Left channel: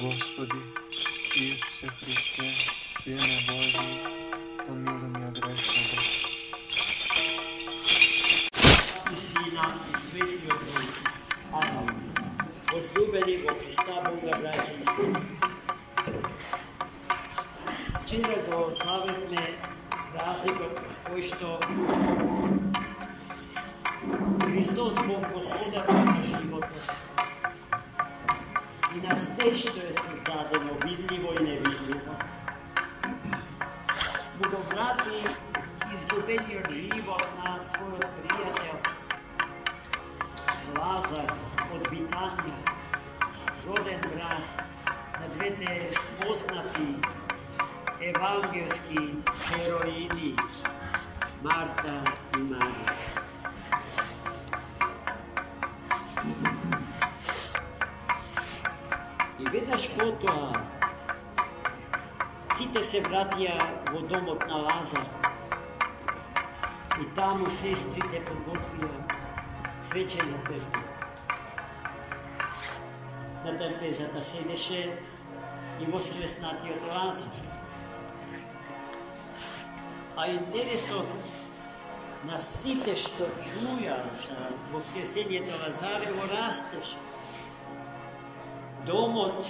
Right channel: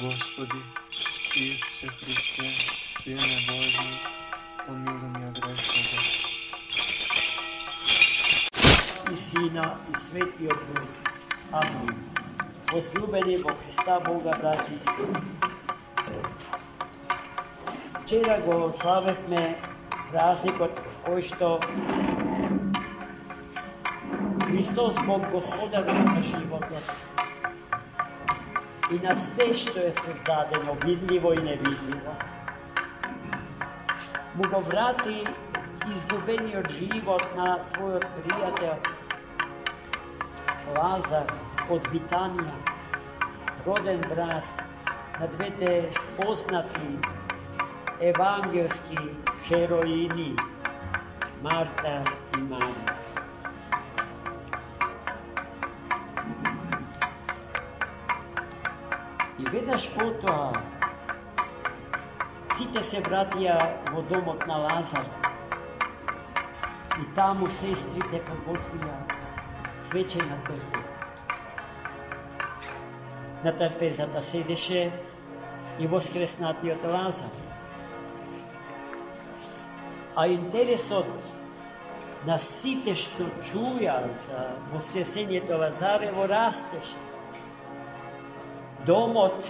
Gospodi, Isuse Hriste, Sine Božji, pomiluj me grešnoga. I Sina i Sveti Duh. Amen. Возлюбленого Христа Бога, браті і сестри. Вчера го славихме празникот кој што Христос Бог Господар на животот и на се што е создадено, видливо и невидливо, му го врати изгубениот живот на својот пријател Лазар од Витанија, роден брат на двете познати евангелски хероини Марта и Марија. И веднаш потоа сите се вратија во домот на Лазар и таму сестрите подготвија свечена трпеза. На трпезата седеше и воскреснатиот Лазар. А интересот на сите што чуја за воскресението Лазар го растеше. Домот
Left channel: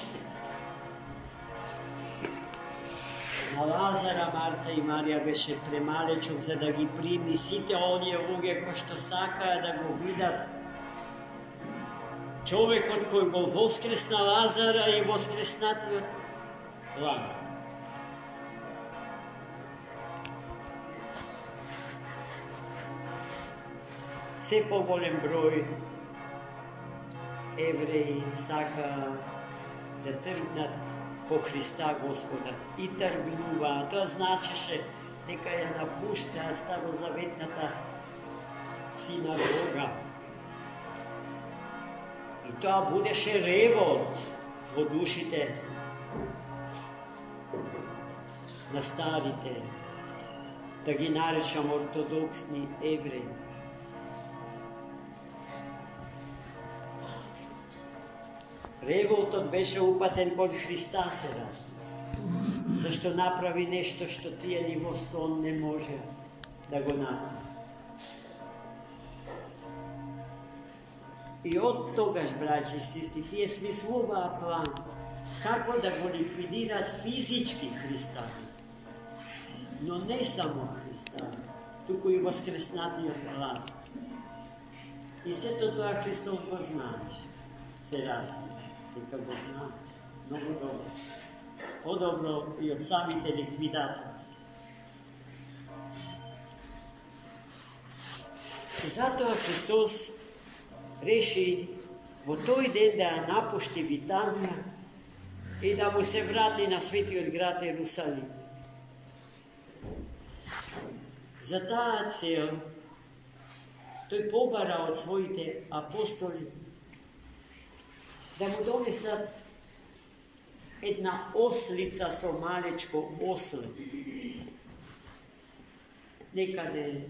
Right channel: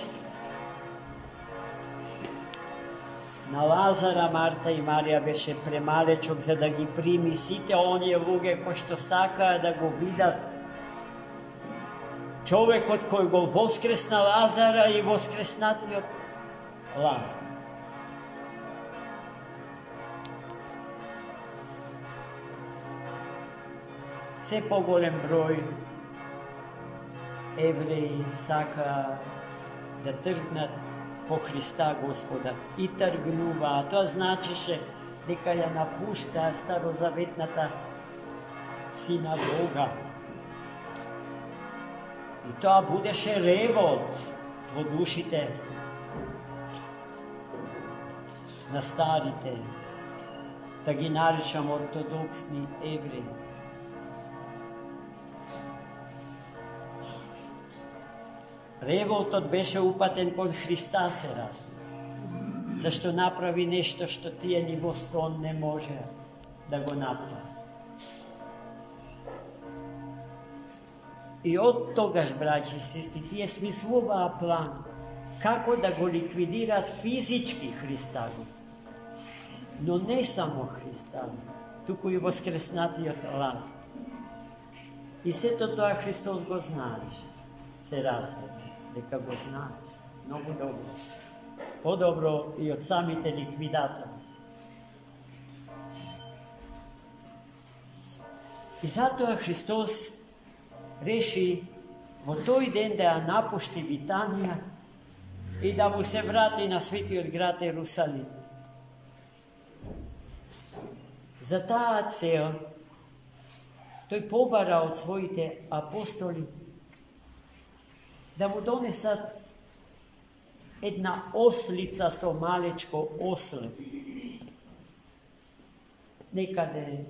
на Лазара, Марта и Марија беше премалечок за да ги прими сите оние луѓе кои што сакаа да го видат човекот кој го воскресна Лазара и воскреснатиот Лазар. Се поголем број евреи сакаа да тргнат по Христа Господа и тргнуваа. Тоа значеше дека ја напуштаа старозаветната синагога. И тоа будеше ревот во душите на старите, да ги наречам ортодоксни евреи. Револтот беше упатен кон Христа сега, зашто направи нешто што тие ни во сон не може да го направи. И од тогаш, браќи и сестри, тие смислуваа план како да го ликвидираат физички Христа, но не само Христа, туку и воскреснатиот Лазар. И сето тоа Христос го знаеше, се разбира. Дека го знаеш, многу добро. Подобро и од самите ликвидатори. И затоа Христос реши во тој ден да ја напушти Витанија и да му се врати на светиот град Ерусалим. За таа цел тој побара од своите апостоли да му донесат една ослица со малечко осле. Некаде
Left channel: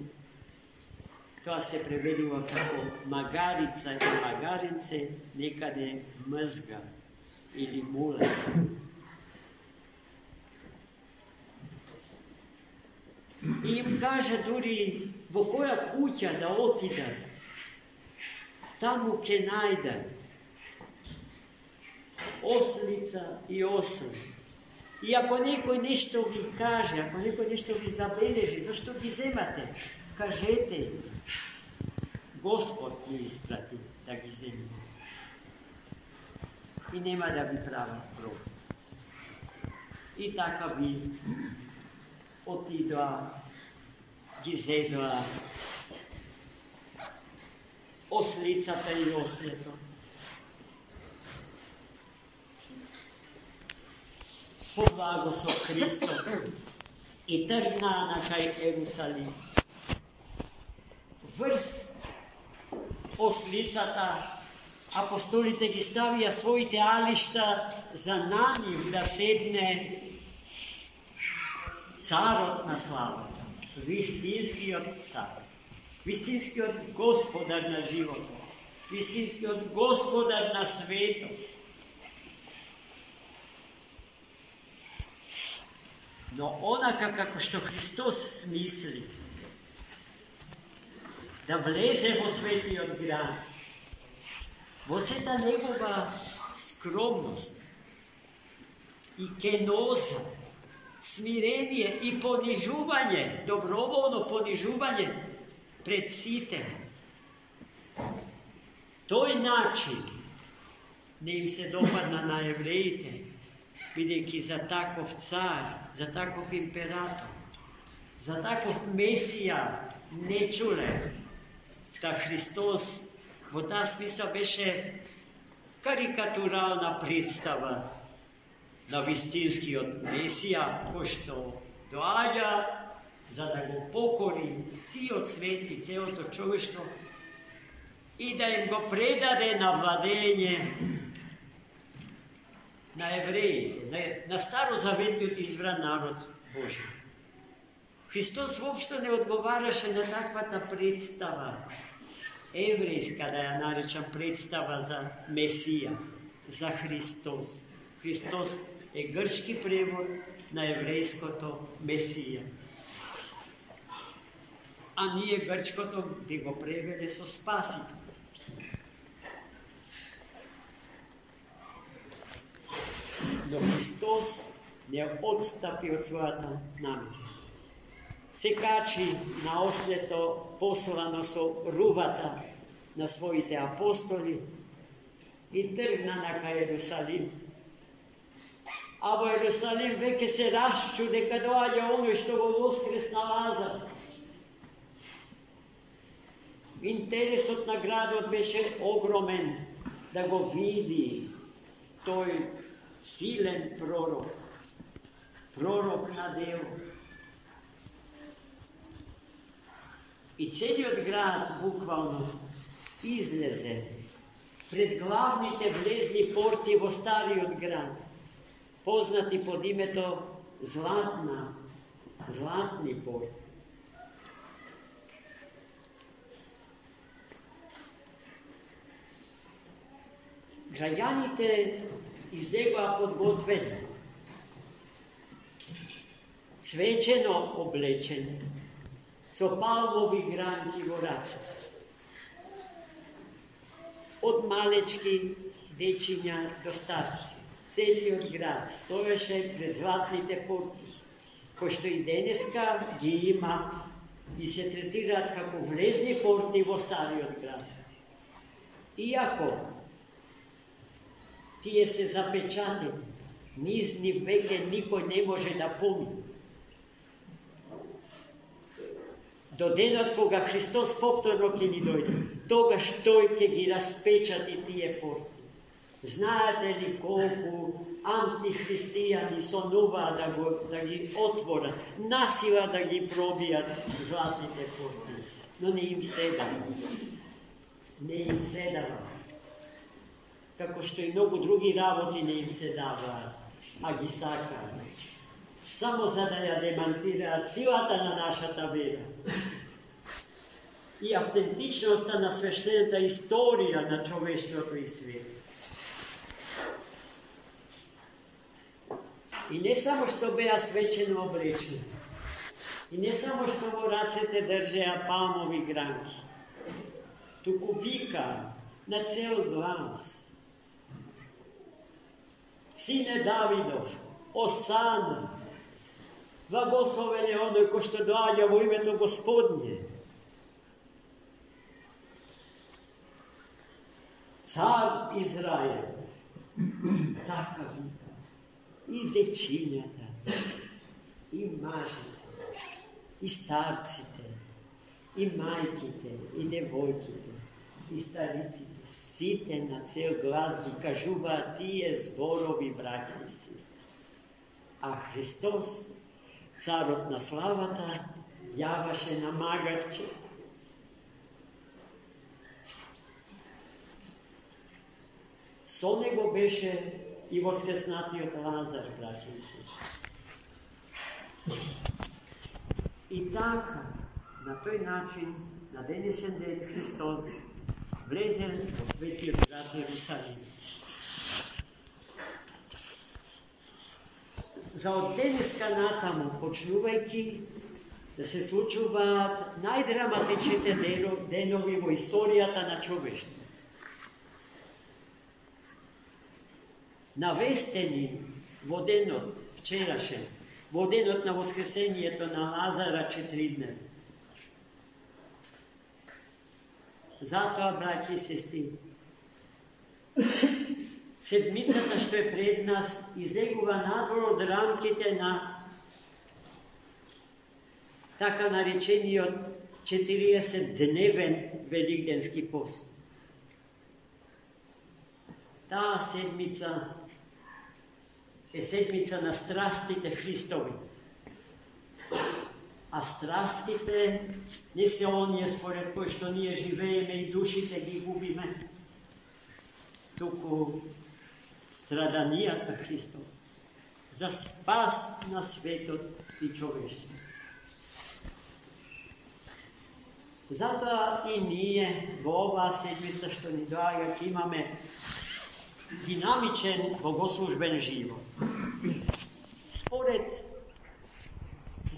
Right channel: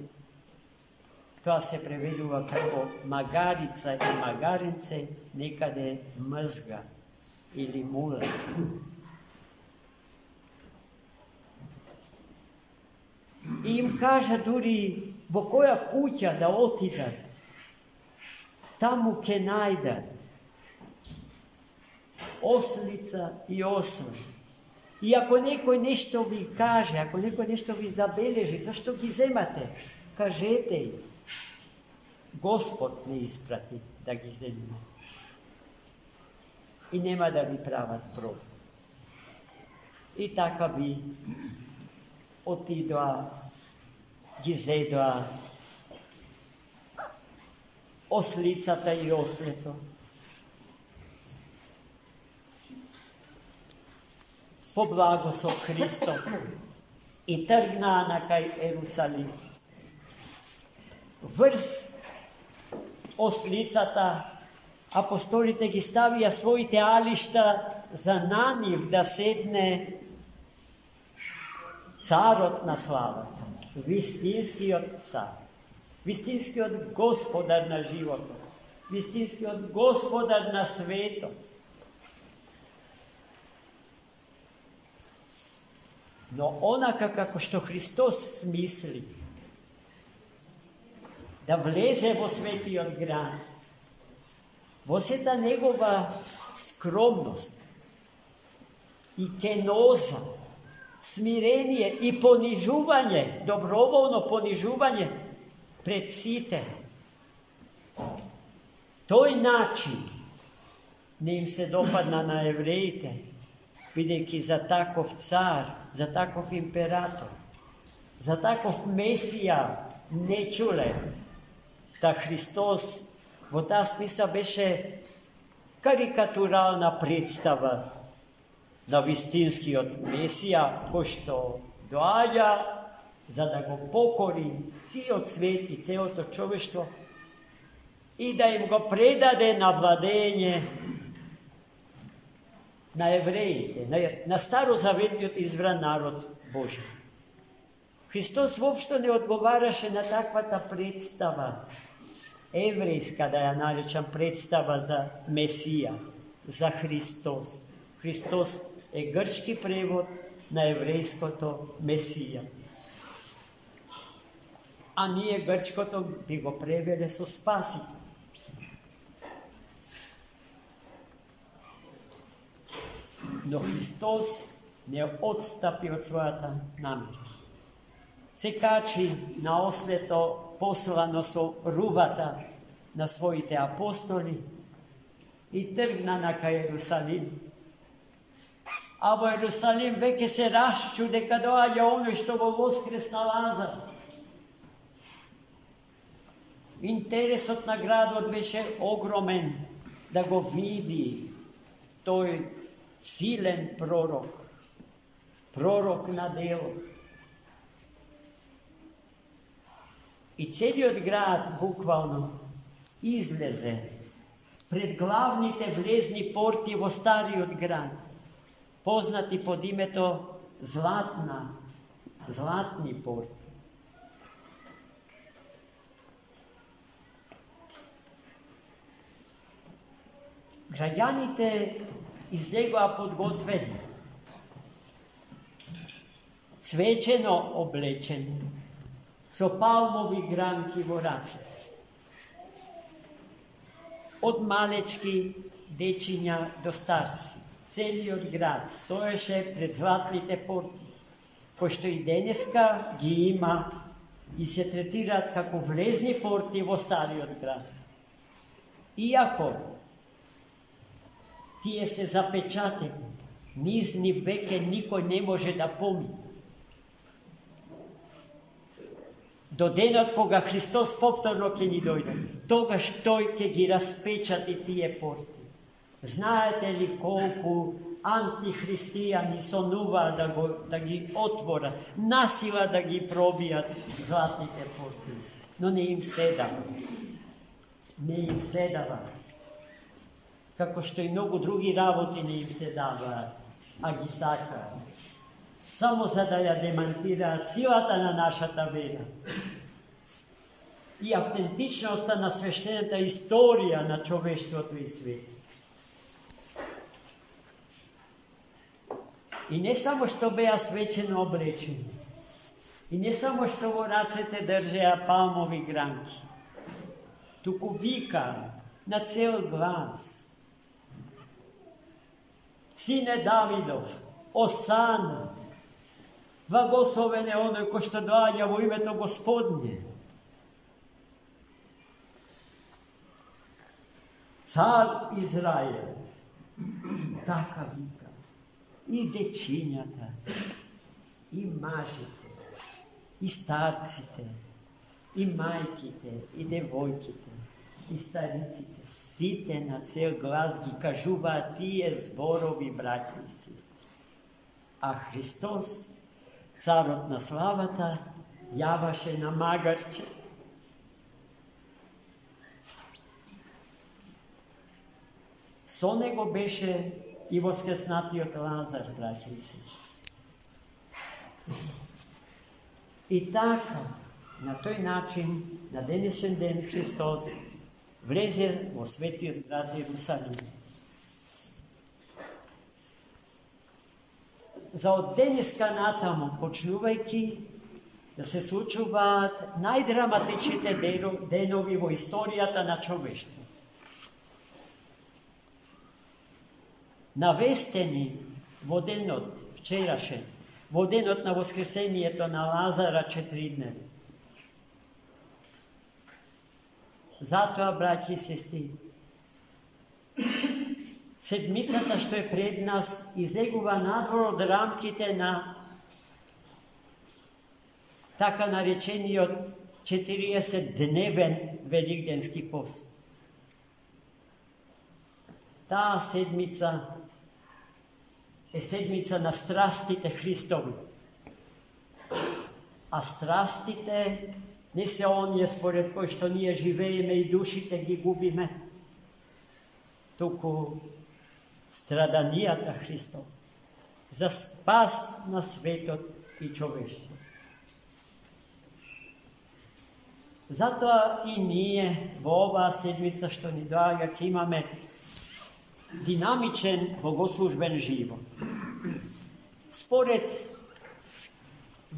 тоа се преведува како магарица и магаринце, некаде мзга или муле. И им кажа дури во која куќа да отидат, таму ќе најдат ослица и осел. И ако некој нешто ви каже, ако некој нешто ви забележи, зашто ги земате? Кажете, Господ ни испрати да ги земеме. И нема да ви прават проблем. И така ви отидоа, ги зедоа ослицата и ослето. По благо со Христос и тргнаа на кај Ерусалим. Врз ослицата апостолите ги ставија своите алишта за на нив да седне царот на славата, вистинскиот цар, вистинскиот господар на животот, вистинскиот господар на светот. Но onaka kako što Hristos smisli, da vleze vo sveti od grad, vo se ta njegova skromnost i kenoza, smirenije i ponižuvanje, dobrovoljno ponižuvanje pred sitem. Toj način ne im se dopadna na Jevrejite, vidjeki za takov car, za takov imperator, za takov Mesija ne čule, da Hristos v ta smisla beše karikaturalna predstava na vistinski od Mesija, ko što doaja, za da go pokori, si odsveti celo to čoveštvo i da im go predade na vladenje na Jevrejite, na starozavetni izbran narod Božji. Hristos uopšte ne odgovaraše na takva ta predstava, evrejska, da ja narečam, predstava za Mesija, za Hristos. Hristos je grčki prevod na jevrejsko to Mesija. A nije grčko, to bi go prevele so spasitelj. No Hristos ne odstapi od svojata namjera. Se kači na osveto poslano so ruvata na svojite apostoli i trgna ka Jerusalim. A v Jerusalim veke se raščude kad dođe ono što go voskresna Lazar. Interes od nagradu odbeše ogromen da go vidi toj silen prorok na delu. I cijeli od grad bukvalno izleze pred glavnite vlezni porti vo stari od grad, poznati pod imeto Zlatni port. Građanite iz njega podgotveni, cvećeno oblečeni, so palmovi granki voraca. Od malečki dečinja do starci, celi od grad, stoješe pred zlatnite porti, ko što i deneska gi ima i se tretirat kako vlezni porti vo stari od grada. Iako tije se zapečate, nizni veke niko ne može da pomni. Do dena koga Hristos povtorno ke ni dojde, toga što ke gi raspečati tije porti. Znate li koliko antihristijani so nuva da gi otvora, nasila da gi probija zlatnite porti. No ne im sedava. Kako što i mnogo drugi raboti ne im sedava, a gi sakra. Samo za da ja demantira cilata na naša ta vera. I autentičnost na sveštenata istorija na čovještvotu i svijetu. I ne samo što beja svećeno oblečeno, i ne samo što vo racete držeja palmovi granki, tuku vika na cel glas. Sine Davidov, Osana, blagosloven je onoj ko što dođe u ime to Gospodnje. Car Izrael, taka vika, i dečinjata, i mažite, i starcite, i majkite, i devojkite, i staricite, site na cel glas gi kažuva tije zborovi braći i sestri. A Hristos, carotna slavata, javaše na magarče. So nego beše i voskresnati od Lazar, braći i sestri. I tako, na toj način, na današnji den Hristos vleze v sveti od grad Jerusalim. за от денеска натаму, почнувајќи да се случуваат најдраматичните денови во историјата на човештво. Навестени во денот, вчерашен, во денот на воскресението на Лазара 4 дни. Затоа, браќи и сестри, седмицата што е пред нас излегува надвор од рамките на така наречениот 40-дневен великденски пост. Таа седмица е седмица на страстите Христови. А страстите не се оние според кои што ние живееме и душите ги губиме, туку страданијата Христов за спас на светот и човештво. Затоа и ние во оваа седмица што ни доаѓа ќе имаме динамичен богослужбен живот. Според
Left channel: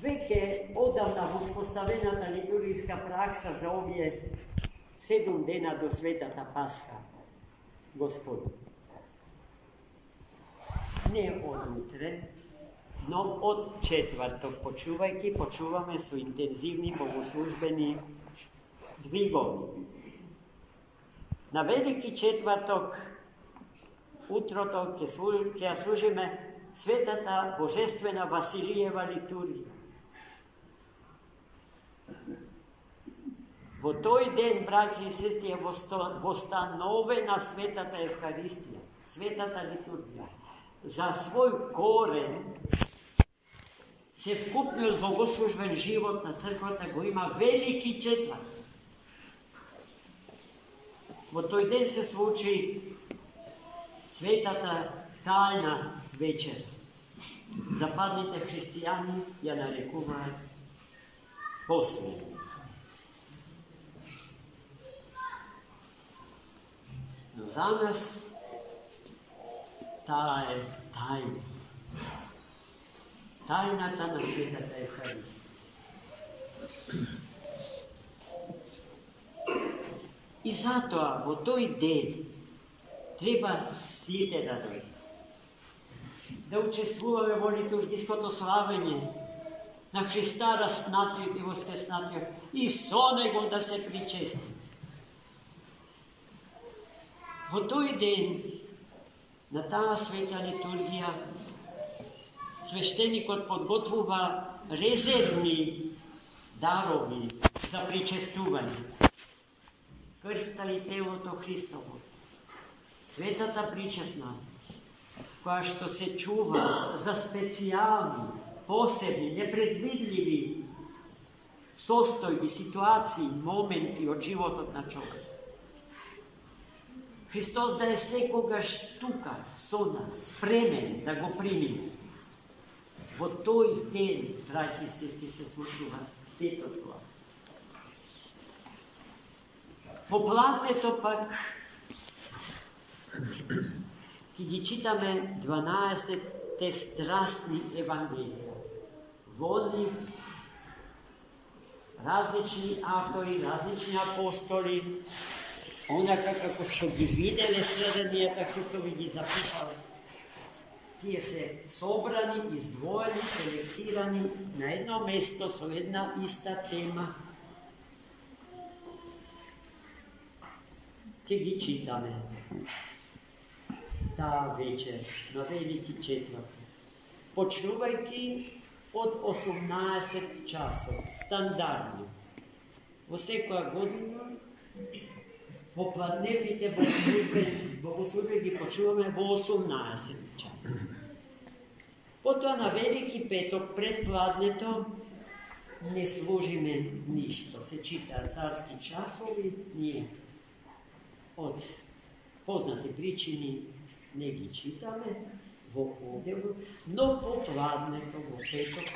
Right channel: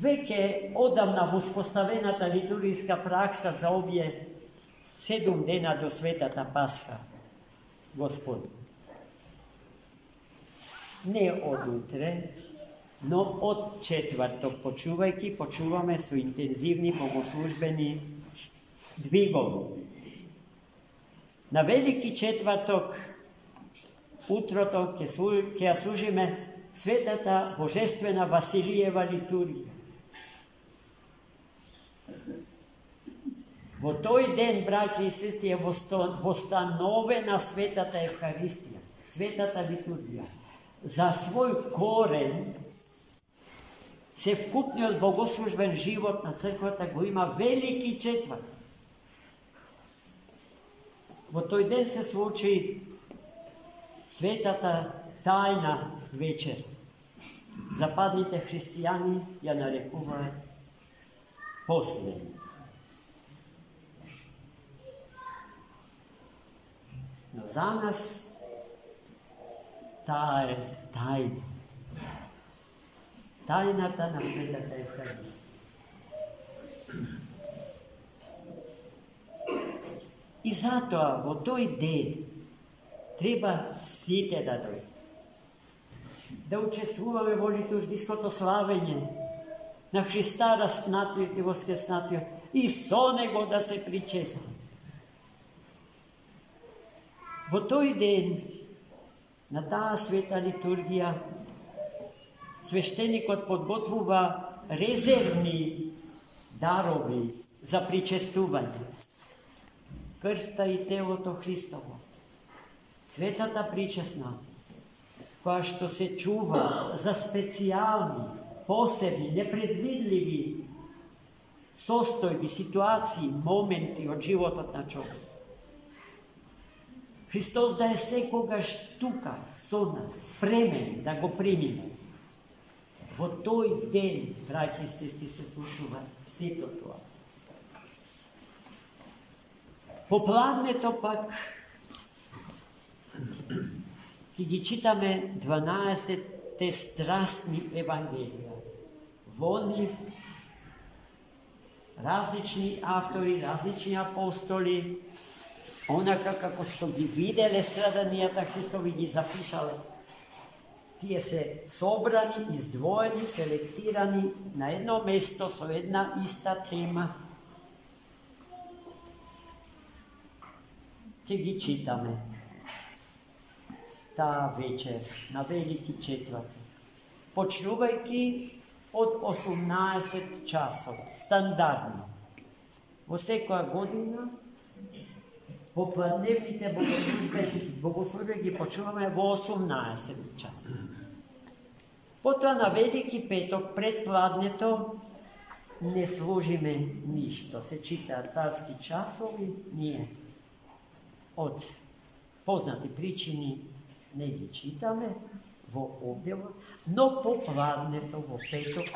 веќе одамна воспоставената литургиска пракса за овие 7 дена до Светата Пасха, Господи. Не од утре, но од четврток почуваме со интензивни богослужбени двигови. На Велики четврток утрото ќе ја служиме Светата Божествена Василиева литургија. Во тој ден, браќи и сестри, е востановена Светата Евхаристија, Светата литургија. За свој корен се вкупнил богослужбен живот на црквата го има Велики четврток. Во тој ден се случи Светата тајна вечер. Западните христијани ја нарекуваат последна. Но за нас таа е тајна. Тајната на Светата Евхаристија. И затоа во тој ден треба сите да дојдат. Да учествуваме во литургиското славење на Христа распнатиот и воскреснатиот и со него да се причести. Во тој ден на таа света литургија свештеникот подготвува резервни дарови за причестување. Крвта и телото Христово, светата причесна, која што се чува за специјални, посебни, непредвидливи состојби, ситуации, моменти од животот на човек. Христос да е секогаш тука со нас, спремен да го примиме. Во тој ден, драги и сестри, се случува сето тоа. По пладнето пак ќе ги читаме 12 страстни евангелија. Во нив различни автори, различни апостоли, онака како што ги виделе страданијата Христови, ги запишале. Тие се собрани, издвоени, селектирани на едно место со една иста тема. Ќе ги читаме таа вечер на Велики четврток, почнувајќи од 18 часот, стандардно. Во секоја година попладневните богослужби ги почнуваме во 18 часот. Потоа на Велики петок пред пладнето не служиме ништо. Се читаат царски часови, ние од познати причини не ги читаме во објавот, но по пладнето во петок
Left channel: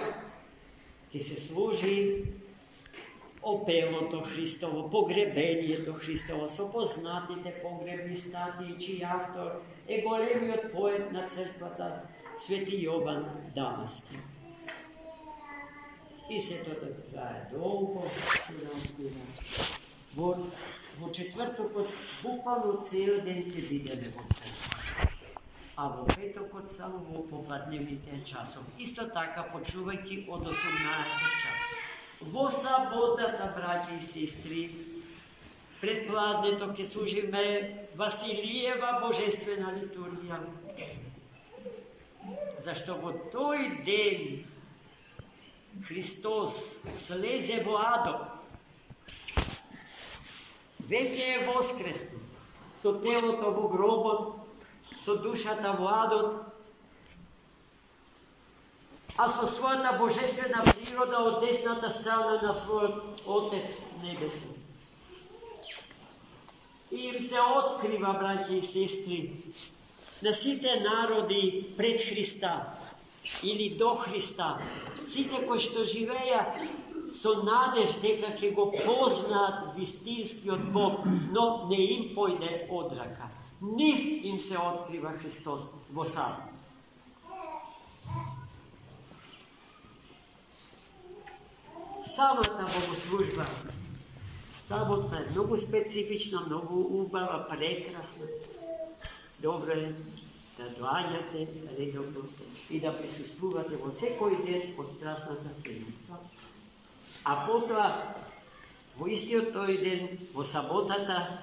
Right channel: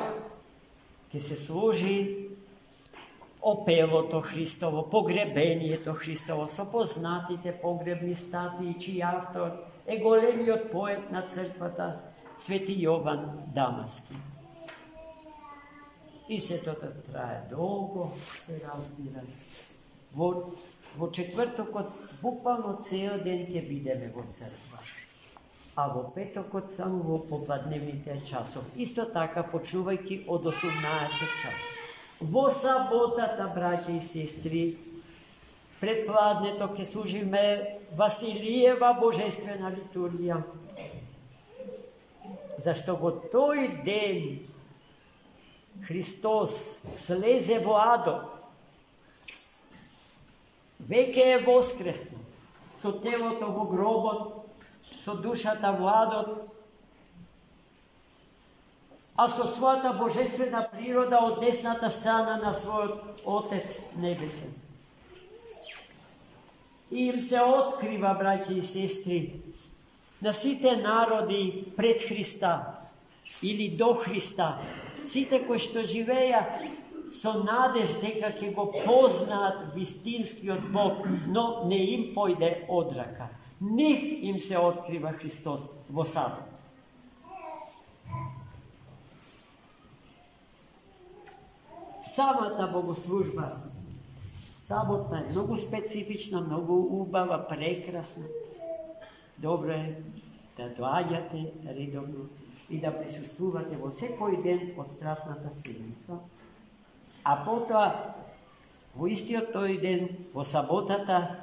ќе се служи опелото Христово, погребението Христово со познатите погребни статии, чиј автор е големиот поет на црквата, Sveti Jovan Damaski. I se to traje dolgo, v četvrtok bukvalno cel den te videne v crkvi. A v petok samo v popodnevnih časov. Isto tako počuvajte od 18 časov. V sabotata, braće i sestri, predpladne to, ke služime Vasilijeva božestvena liturgija. Zašto v toj den Hristos sleze v ado, veke je voskresno, so telo to v grobo, so duša ta v ado, a so svata božestvena priroda od desnata strana na svoj Otec nebesen. I im se otkriva, braće i sestri, na site narodi pred Hrista ili do Hrista, site koji što živeja, so nadež дека ќе го познат вистинскиот Бог, но не им појде одрака. Нив им се открива Христос во сабота. Самата богослужба, саботна е многу специфична, многу убава, прекрасна. Добро е да доаѓате редовно и да присуствувате во секој ден од страстната седмица. А потоа, во истиот тој ден, во саботата,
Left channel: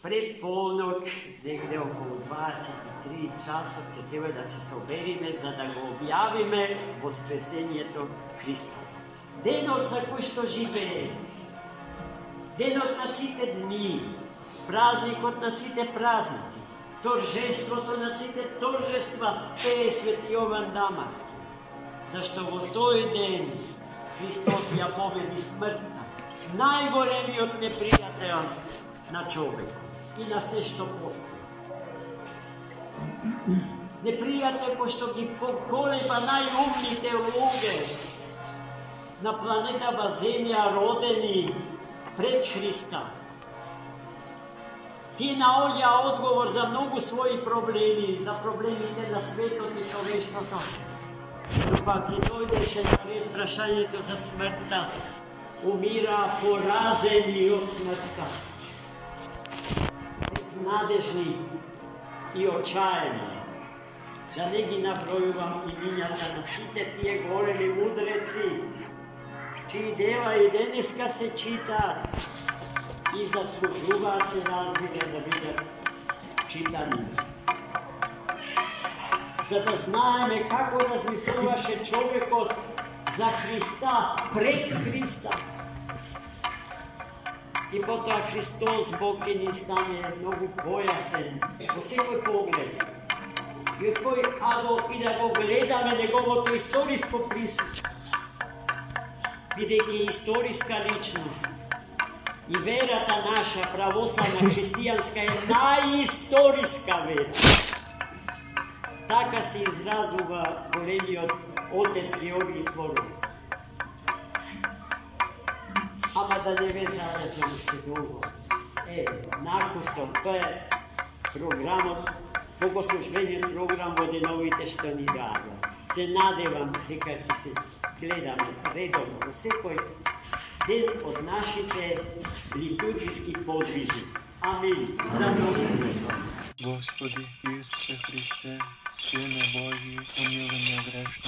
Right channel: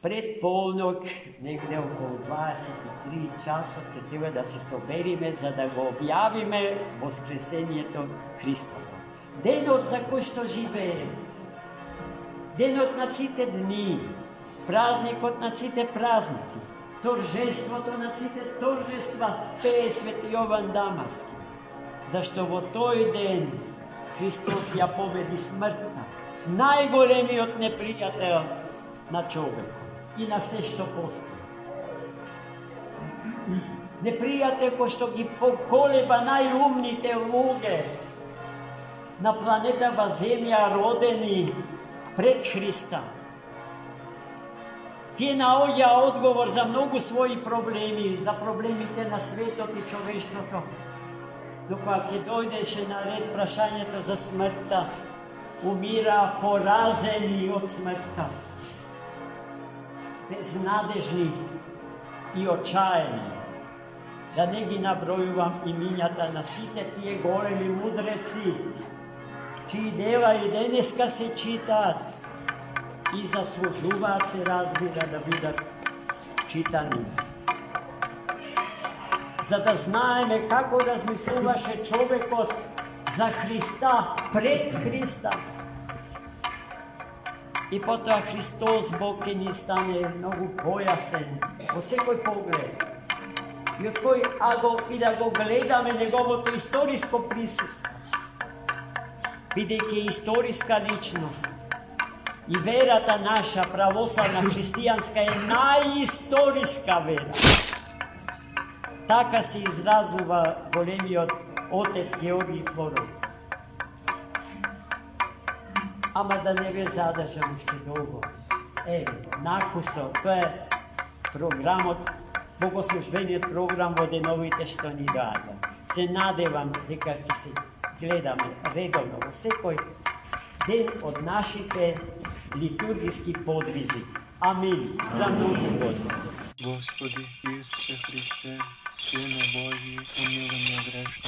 пред полнок, негде околу 23 часот, ќе треба да се собериме за да го објавиме воскресението Христа. Денот за кој што живее, денот на сите дни, празникот на сите празници, торжеството на сите торжества, е Свети Јован Дамаски. Зашто во тој ден Христос ја победи смртта, најголемиот непријател на човек и на се што постои. Непријател кој што ги поколеба најумните луѓе на планетава Земја родени пред Христа. Тие наоѓа одговор за многу своји проблеми, за проблемите на светот и човештвото. Тука ќе дојдеше наред прашањето за смртта, умира поразени од смртта, безнадежни и отчаени. Да не ги набројувам имињата на сите тие големи мудреци, чии дела и денеска се читаат и заслужуваат се разбира да бидат читани. За да знаеме како размислуваше човекот за Христа, пред Христа. И потоа Христос, Бог, ќе ни стане многу појасен во секој поглед. И од кој, и да го гледаме неговото историско присуство, бидејќи историска личност. И верата наша, православна христијанска, е најисториска вера. Така се изразува големиот отец Георги Флоренски. Ама да не ве задржам уште долго. Накусо, тоа е програмот, богослужбениот програм во деновите што ни гаѓа. Се надевам дека ќе се гледаме редовно во секој ден од нашите литургиски подвизи. Амин. За молитве. Господи Исусе Христе, Сине Божий, помилуй меня грешного.